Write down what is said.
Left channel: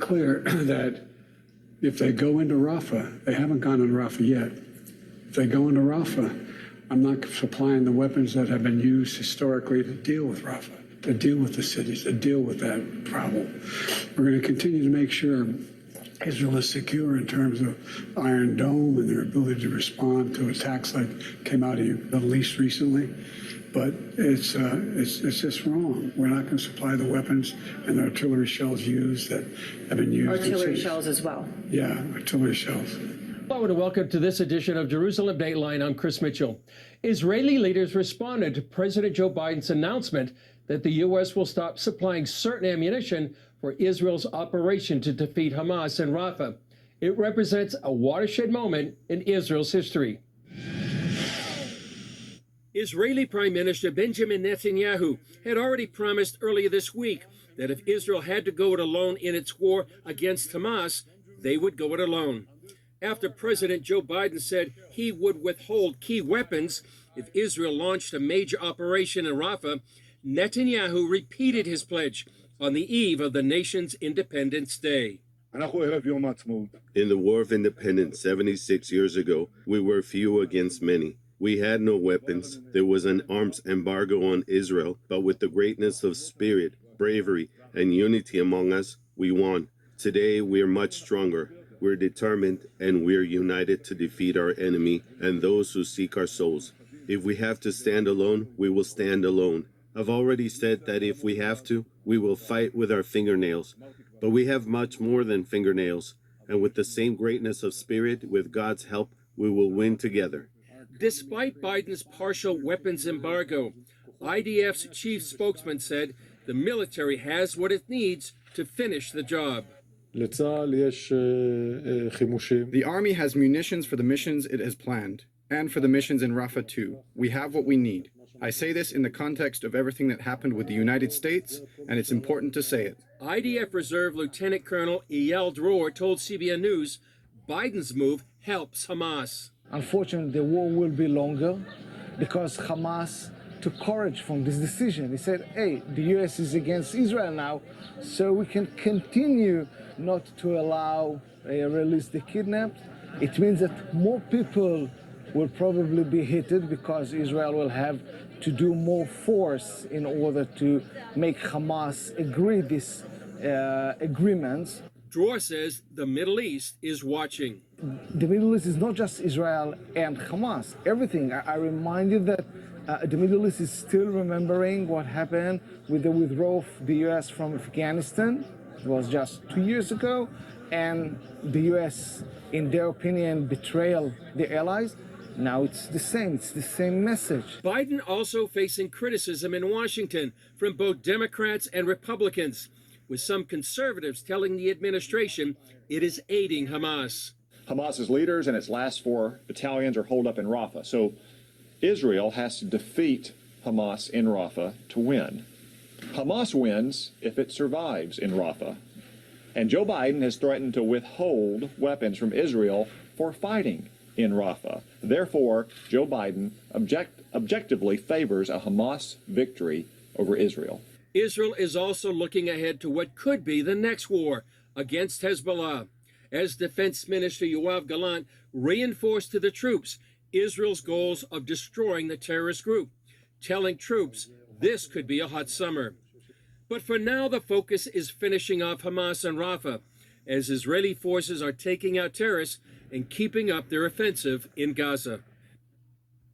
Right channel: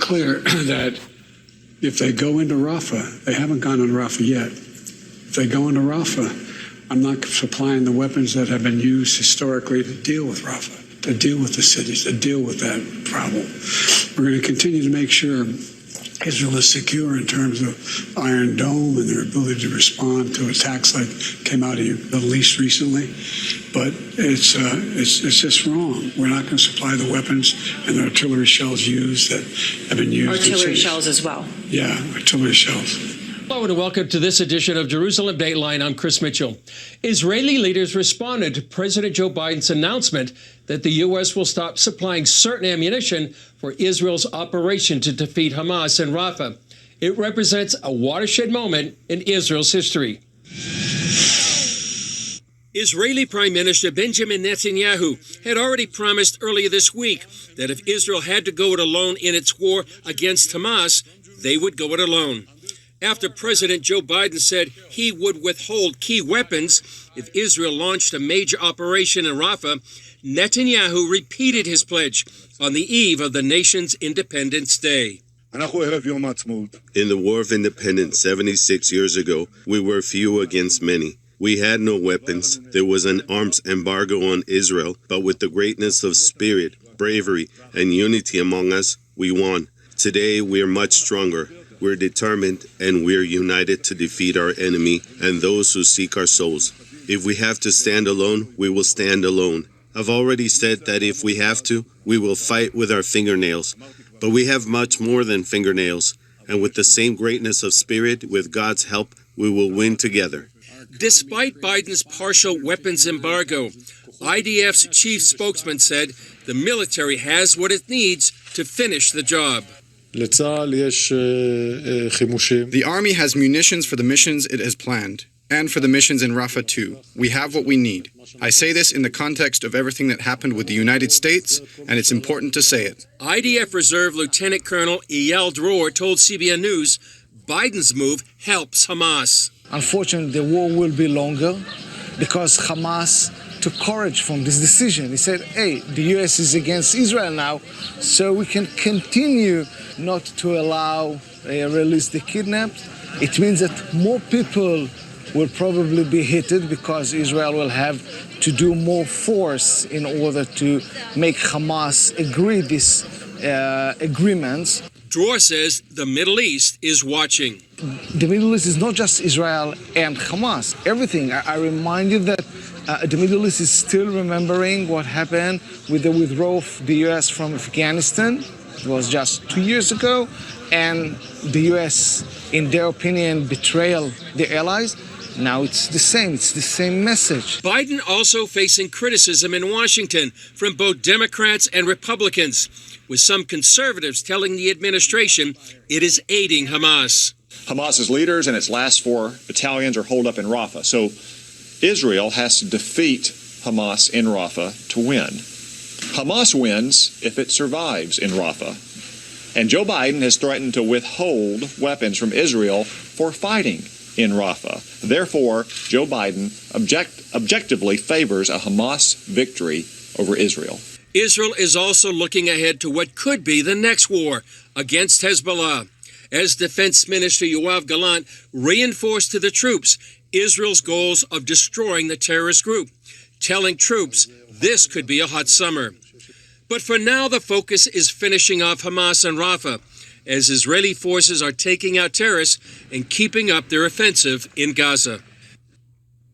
clear that if they go into Rafah, they haven't gone into Rafah yet. If they go into Rafah, I'm not supplying the weapons that have been used historically to deal with Rafah, to deal with the cities, to deal with that problem. We're going to continue to make sure Israel is secure in terms of Iron Dome and their ability to respond to attacks like came out of the Middle East recently. But it's just wrong. We're not going to supply the weapons and the artillery shells used that have been used. Artillery shells as well. Yeah, artillery shells. Hello and welcome to this edition of Jerusalem Dateline. I'm Chris Mitchell. Israeli leaders responded to President Joe Biden's announcement that the U.S. will stop supplying certain ammunition for Israel's operation to defeat Hamas in Rafah. It represents a watershed moment in Israel's history. Israeli Prime Minister Benjamin Netanyahu had already promised earlier this week that if Israel had to go it alone in its war against Hamas, they would go it alone. After President Joe Biden said he would withhold key weapons if Israel launched a major operation in Rafah, Netanyahu repeated his pledge on the eve of the nation's Independence Day. In the War of Independence 76 years ago, we were few against many. We had no weapons. There was an arms embargo on Israel, but with the greatness of spirit, bravery, and unity among us, we won. Today, we're much stronger. We're determined, and we're united to defeat our enemy and those who seek our souls. If we have to stand alone, we will stand alone. I've already said that if we have to, we will fight with our fingernails. But we have much more than fingernails, and with the same greatness of spirit, with God's help, we will win together. Despite Biden's partial weapons embargo, IDF's chief spokesman said the military has what it needs to finish the job. The Army has munitions for the missions it has planned, and for the missions in Rafah too. We have what we need. I say this in the context of everything that happened with the United States, and it's important to say it. IDF Reserve Lieutenant Colonel Eyal Dror told CBN News Biden's move helps Hamas. Unfortunately, the war will be longer because Hamas took courage from this decision. He said, hey, the U.S. is against Israel now, so we can continue not to allow release the kidnapped. It means that more people will probably be hit because Israel will have to do more force in order to make Hamas agree these agreements. Dror says the Middle East is watching. The Middle East is not just Israel and Hamas. Everything. I remind you that the Middle East is still remembering what happened with the withdrawal of the U.S. from Afghanistan. It was just 2 years ago. And the U.S., in their opinion, betrayed the allies. Now it's the same. It's the same message. Biden also facing criticism in Washington from both Democrats and Republicans, with some conservatives telling the administration it is aiding Hamas. Hamas's leaders and its last 4 battalions are holed up in Rafah. So Israel has to defeat Hamas in Rafah to win. Hamas wins if it survives in Rafah. And Joe Biden has threatened to withhold weapons from Israel for fighting in Rafah. Therefore, Joe Biden objectively favors a Hamas victory over Israel. Israel is also looking ahead to what could be the next war against Hezbollah, as Defense Minister Yoav Gallant reinforced to the troops Israel's goals of destroying the terrorist group, telling troops this could be a hot summer. But for now, the focus is finishing off Hamas and Rafah, as Israeli forces are taking out terrorists and keeping up their offensive in Gaza.